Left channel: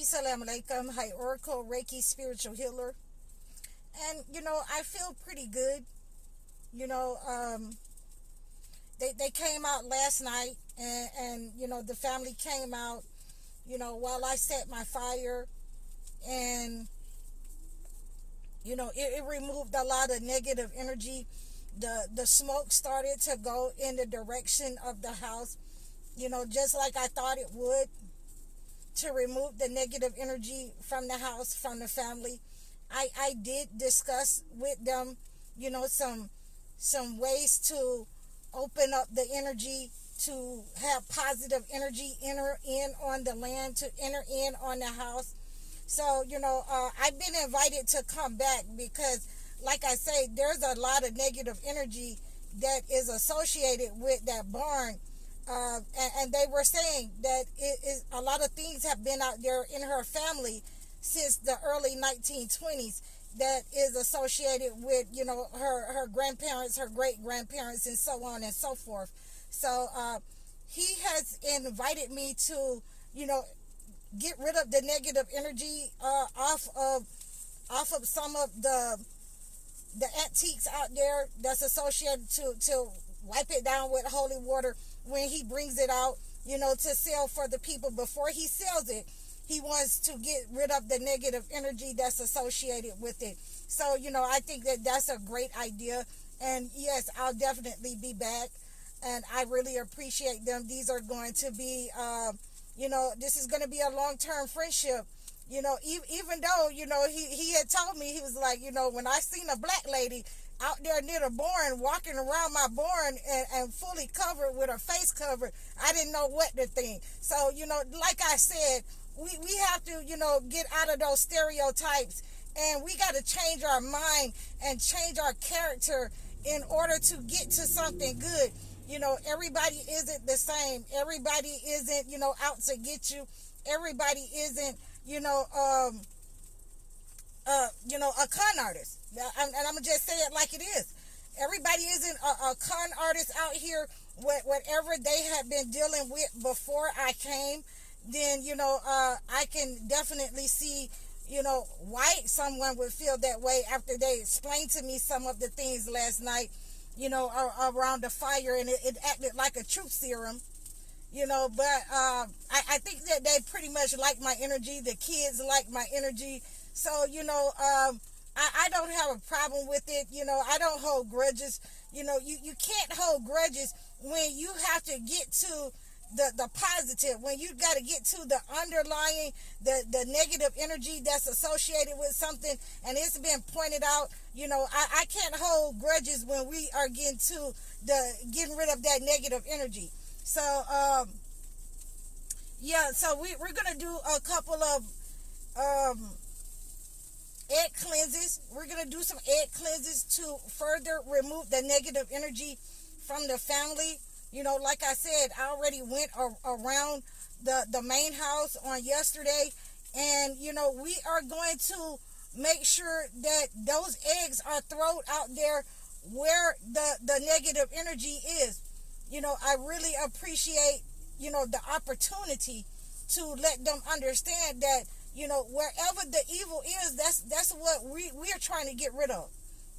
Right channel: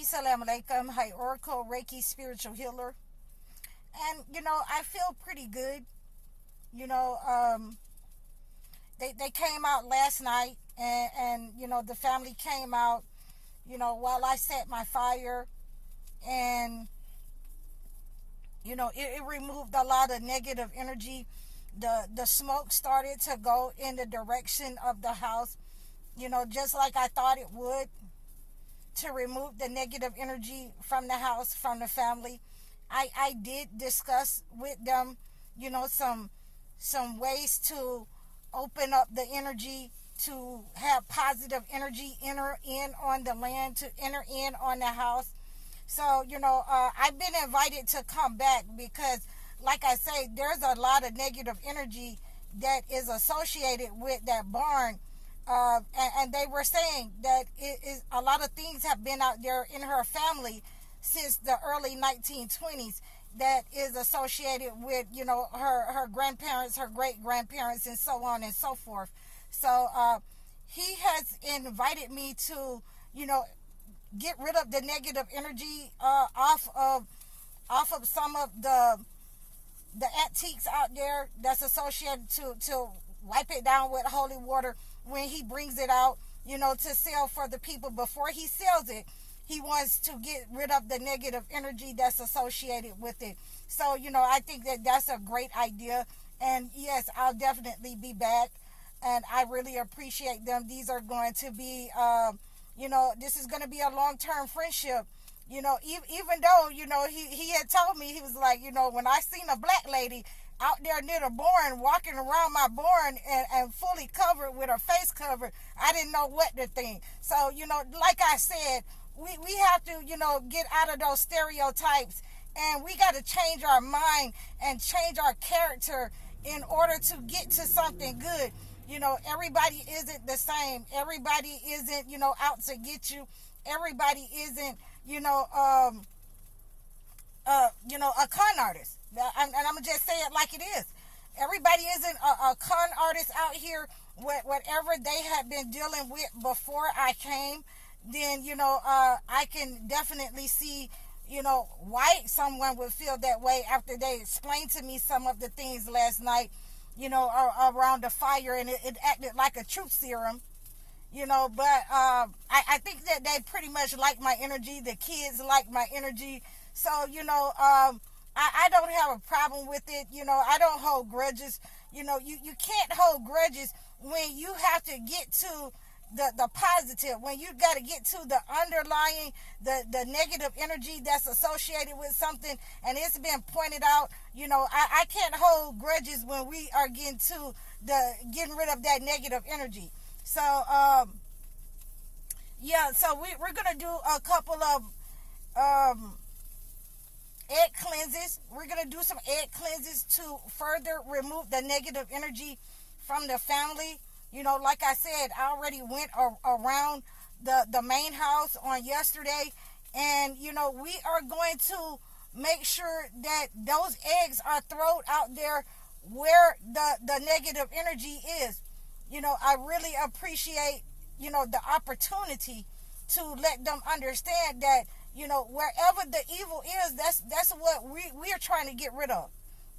Assalamu alaikum. Hi, Oracle, Reiki, spiritual healer. And, I feel pretty good. You know, they came out last night, and the family came out, while I set my fire. And, it removed a lot of negative energy. The smoke started to go in the direction of the house, just like I thought it would, to remove the negative energy from the house, from the family. I did discuss with them, some ways to open up the energy, to have positive energy enter in on the land, to enter in on the house. So, I've been invited to come back because, like I say, there's a lot of negative energy that is associated with that barn. And they were saying that it is a lot of things have been out there in her family since the early 1920s that is associated with, her grandparents, her great-grandparents, and so on and so forth. So he has invited me to, get rid of the negative energy off of some of the antiques out there that's associated, to wipe it down with holy water when he brings it out, to sell for the people. Before he sells it, he wants to get rid of the negative energy that's associated with it. So, I think that that's a great idea. And yes, I'll definitely be back. And I really appreciate them. These are going to be, this is going to be a long-term friendship. Even though, he had told me, he was like, when I seen a black lady out there near the barn, walking around my barn and fully covered with her face covered, I didn't know what to think. So, like I said, we have to, get out of those stereotypes, and we got to change our mind and change our character in order to get to something good. Everybody isn't the same. Everybody isn't, out to get you. Everybody isn't, a con artist. And I'm going to just say it like it is. Everybody isn't a con artist out here. Whatever they had been dealing with before I came, then, I can definitely see, why someone would feel that way after they explained to me some of the things last night, around the fire, and it acted like a truth serum. But I think that they pretty much like my energy. The kids like my energy. So, I don't have a problem with it. I don't hold grudges. You can't hold grudges when you have to get to the positive, when you got to get to the underlying, the negative energy that's associated with something, and it's been pointed out. I can't hold grudges when we are getting rid of that negative energy. So, so we're going to do a couple of egg cleanses. We're going to do some egg cleanses to further remove the negative energy from the family. Like I said, I already went around the main house on yesterday, and, we are going to make sure that those eggs are thrown out there where the negative energy is. I really appreciate, the opportunity to let them understand that, wherever the evil is, that's what we are trying to get rid of.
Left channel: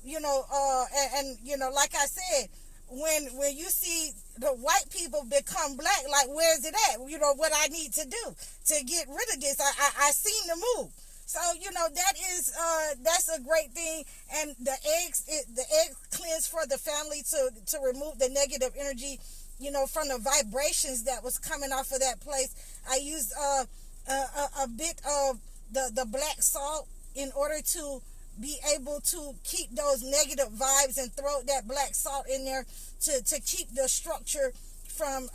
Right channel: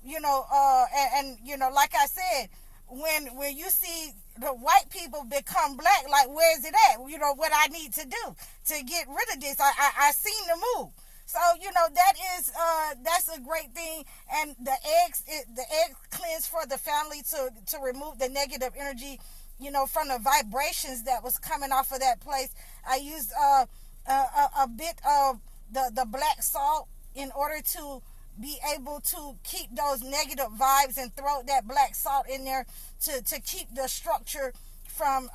And like I said, when you see the white people become black, like, where's it at? What I need to do to get rid of this. I seen the move. So, that's a great thing. And the egg cleanse for the family to remove the negative energy, from the vibrations that was coming off of that place. I used a bit of the black salt in order to be able to keep those negative vibes, and throw that black salt in there to keep the structure from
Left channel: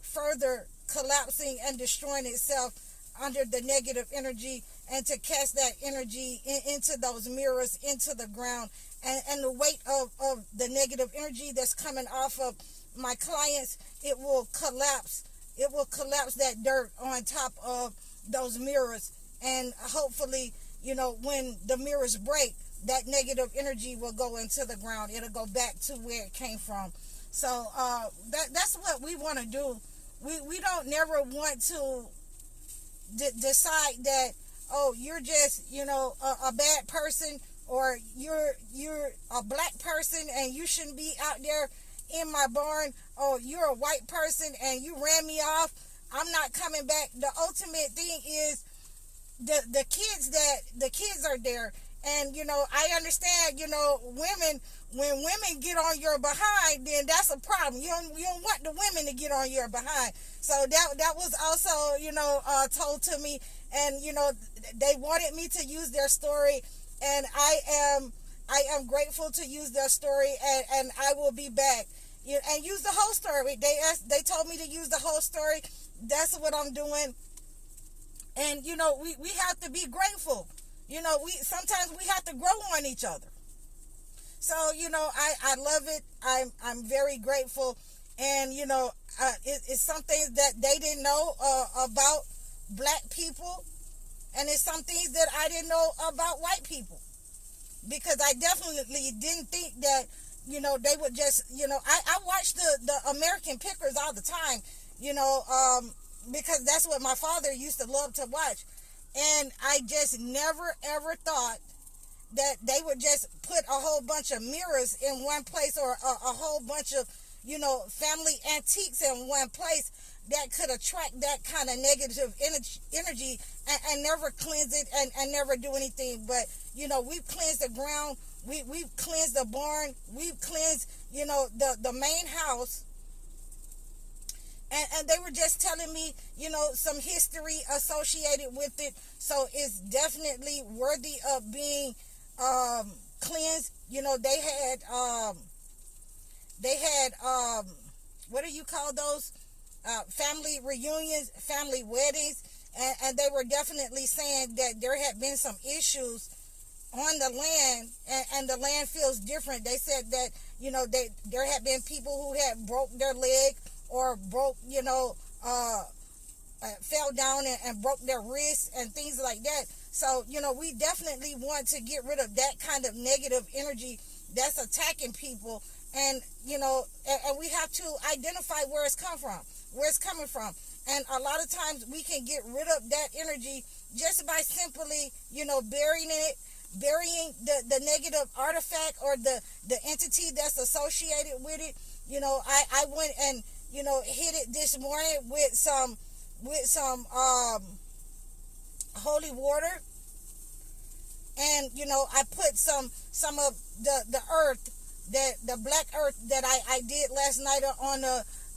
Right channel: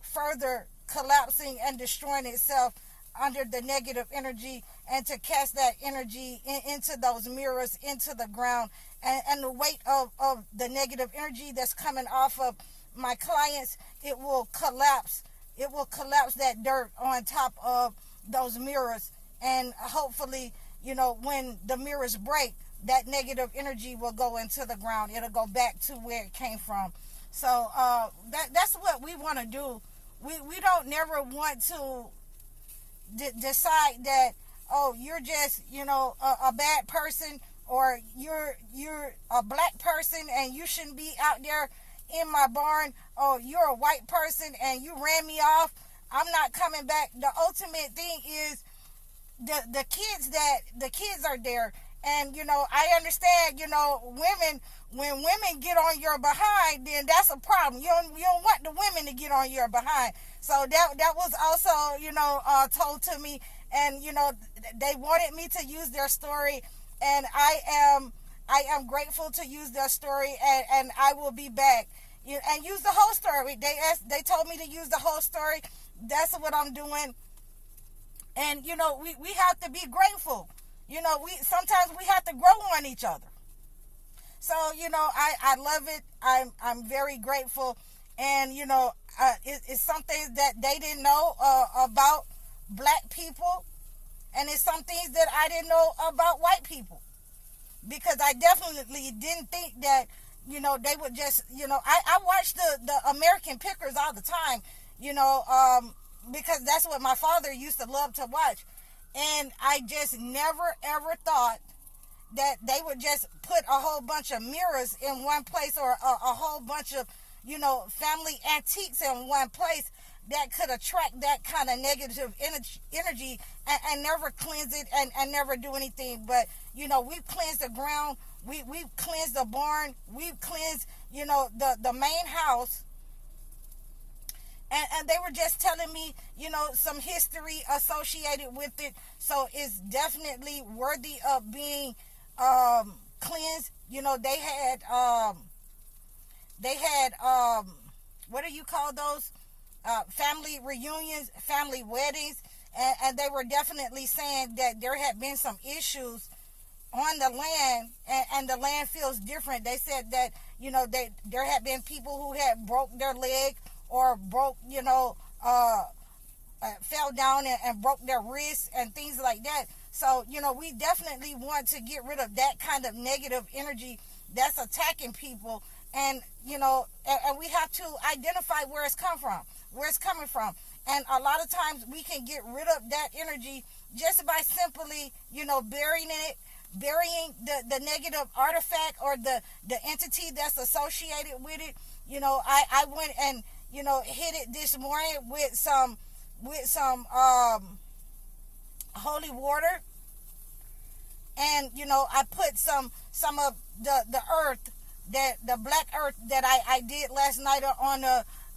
further collapsing and destroying itself under the negative energy, and to cast that energy into those mirrors, into the ground. And the weight of the negative energy that's coming off of my clients, it will collapse. It will collapse that dirt on top of those mirrors. And hopefully, when the mirrors break, that negative energy will go into the ground. It'll go back to where it came from. So that's what we want to do. We don't never want to, decide that, oh, you're just, a bad person, or you're a black person and you shouldn't be out there in my barn. Oh, you're a white person and you ran me off, I'm not coming back. The ultimate thing is the kids are there. And I understand, women, when women get on your behind, then that's a problem. You don't want the women to get on your behind. So that was also, told to me. And they wanted me to use their story, and I am grateful to use their story, and I will be back, and use the whole story. They told me to use the whole story. That's what I'm doing. And we have to be grateful. Sometimes we have to grow on each other. So I love it. I'm very grateful. And it's something that they didn't know about black people, and it's some things that I didn't know about white people, because I definitely didn't think that they would just I watch the American Pickers all the time, because that's what my father used to love to watch. And I just never ever thought that they would just put a whole bunch of mirrors in one place, or a whole bunch of family antiques in one place, that could attract that kind of negative energy, and never cleanse it, and never do anything. But we've cleansed the ground, we've cleansed the barn, we've cleansed the main house. And they were just telling me, some history associated with it. So it's definitely worthy of being cleansed. They had what do you call those? Family reunions, family weddings. And they were definitely saying that there had been some issues on the land, and the land feels different. They said that, there had been people who had broke their leg, or broke, fell down and broke their wrists and things like that. So, we definitely want to get rid of that kind of negative energy that's attacking people. And, and we have to identify where it's coming from. And a lot of times we can get rid of that energy just by simply, burying the negative artifact, or the entity that's associated with it. I went and, hit it this morning with some holy water. And, I put some of the earth, that the black earth that I did last night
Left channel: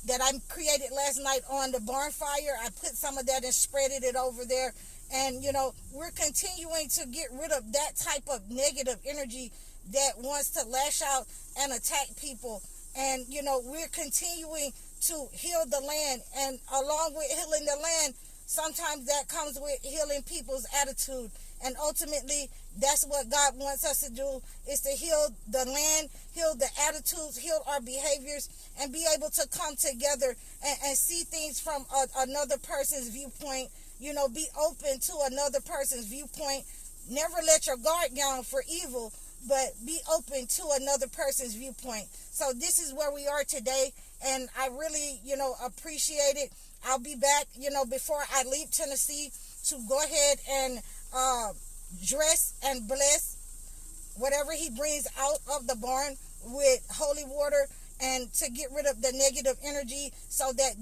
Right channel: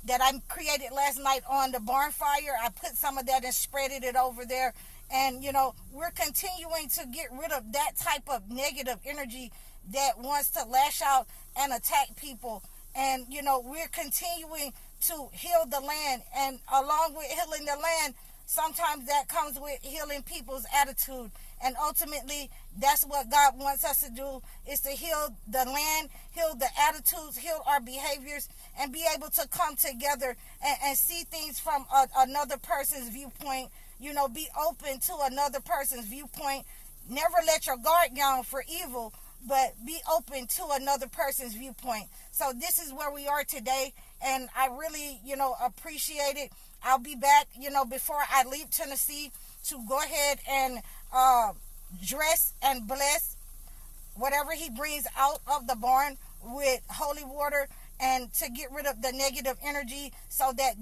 that I created last night on the barn fire. I put some of that and spreaded it over there. And, we're continuing to get rid of that type of negative energy that wants to lash out and attack people. And, we're continuing to heal the land. And along with healing the land, sometimes that comes with healing people's attitude. And ultimately, that's what God wants us to do, is to heal the land, heal the attitudes, heal our behaviors, and be able to come together and see things from another person's viewpoint. Be open to another person's viewpoint. Never let your guard down for evil, but be open to another person's viewpoint. So this is where we are today, and I really, appreciate it. I'll be back, before I leave Tennessee, to go ahead and dress and bless whatever he brings out of the barn with holy water, and to get rid of the negative energy, so that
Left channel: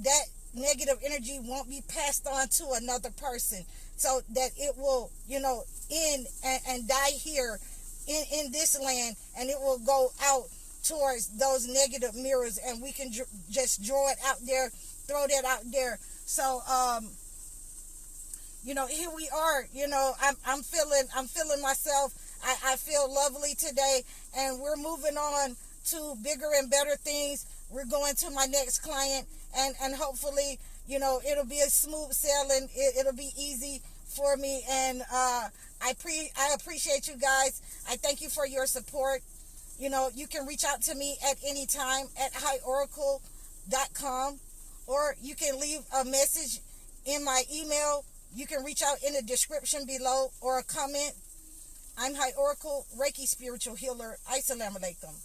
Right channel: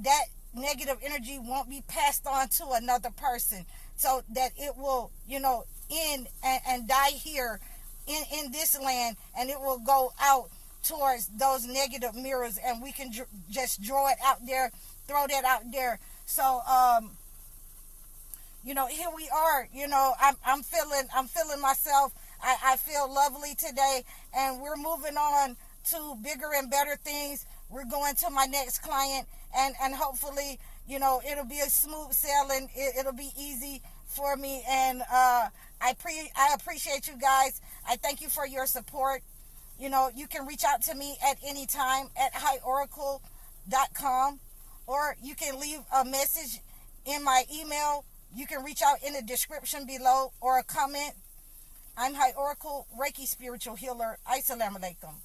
negative energy won't be passed on to another person, so that it will, end and die here in this land, and it will go out towards those negative mirrors, and we can just draw it out there, throw that out there. So, here we are. I'm feeling myself. I feel lovely today, and we're moving on to bigger and better things. We're going to my next client, and hopefully, it'll be a smooth sailing. It'll be easy for me, and I appreciate you guys. I thank you for your support. You can reach out to me at any time at highoracle.com, or you can leave a message in my email. You can reach out in the description below, or a comment. I'm High Oracle, Reiki Spiritual Healer. Assalamu alaikum.